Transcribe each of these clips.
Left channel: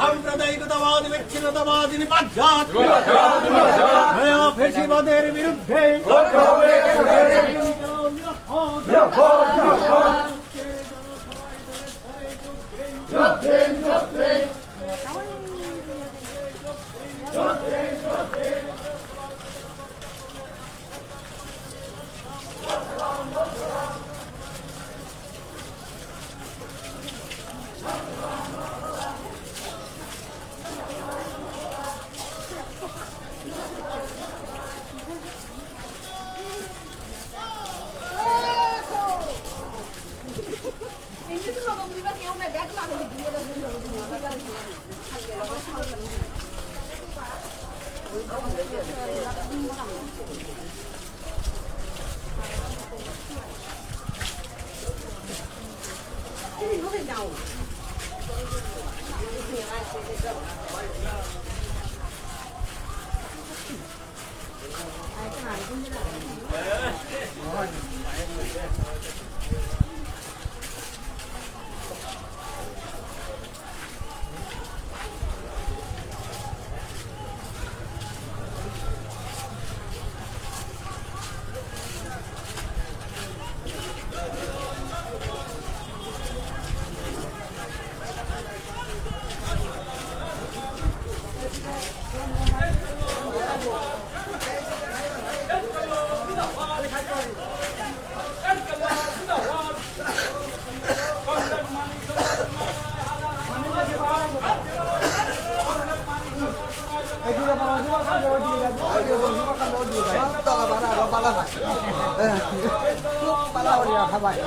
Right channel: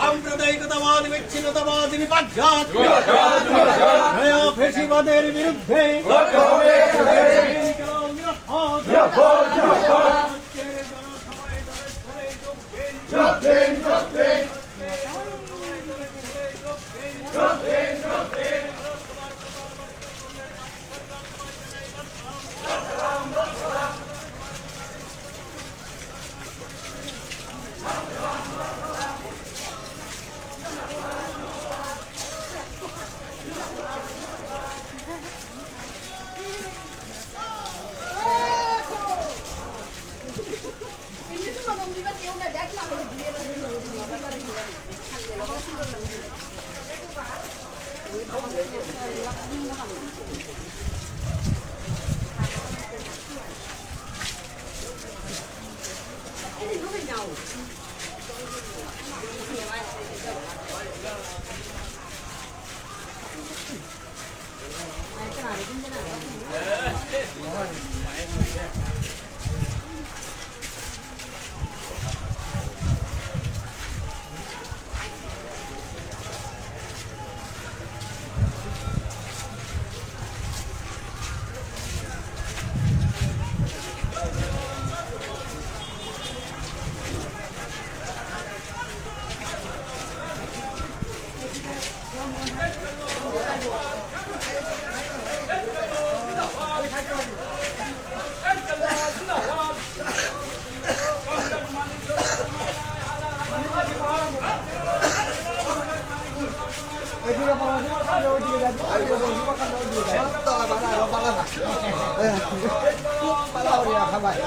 সাম্প্রদায়িকতাবাদ বিচ্ছিন্নতাবাদ নিপাত 这里都在家务。Kepala orang apa ya?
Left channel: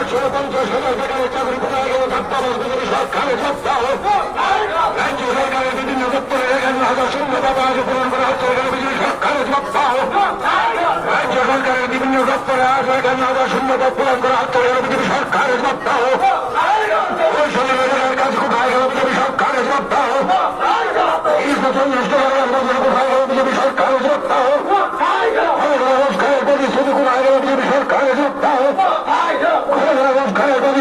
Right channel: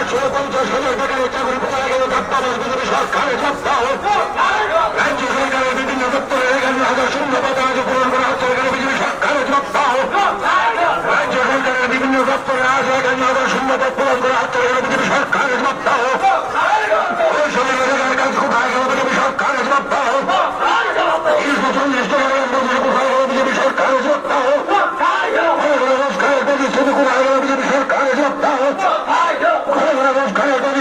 ফেসিবাদের বিরুদ্ধে বিভিন্ন দপ্তরের এগারো হাজার শূন্য পদে আজ পূরণ করা হচ্ছে এখানে বিজেপি সরকারের সপ্তাহ রাজ্য সরকারের বিভিন্ন দপ্তরে আজ এখানে হাজার শূন্য পদ পূরণ করা হচ্ছে এখানে বিজেপি সরকারের সপ্তাহ কোথায় গেল বিজেপি সরকারের সপ্তাহ চল্লিশ টাকার আন্দাজে কোথায় গেল বিজেপি সরকারের সপ্তাহ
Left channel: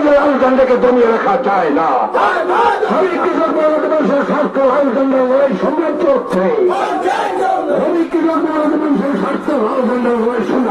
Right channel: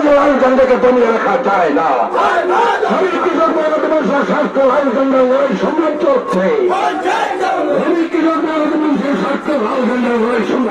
হুমকি হুমকি দিয়ে লাল ঝান্ডাকে দমিয়ে রাখা যায় না। আমি কৃষক ভারতবর্ষের স্বাস্থ্য লাল ঝান্ডার লড়াই সম্রাট চলছে আমি কৃষক ভারতবর্ষের স্বাস্থ্য লাল ঝান্ডার লড়াই সম্রাট।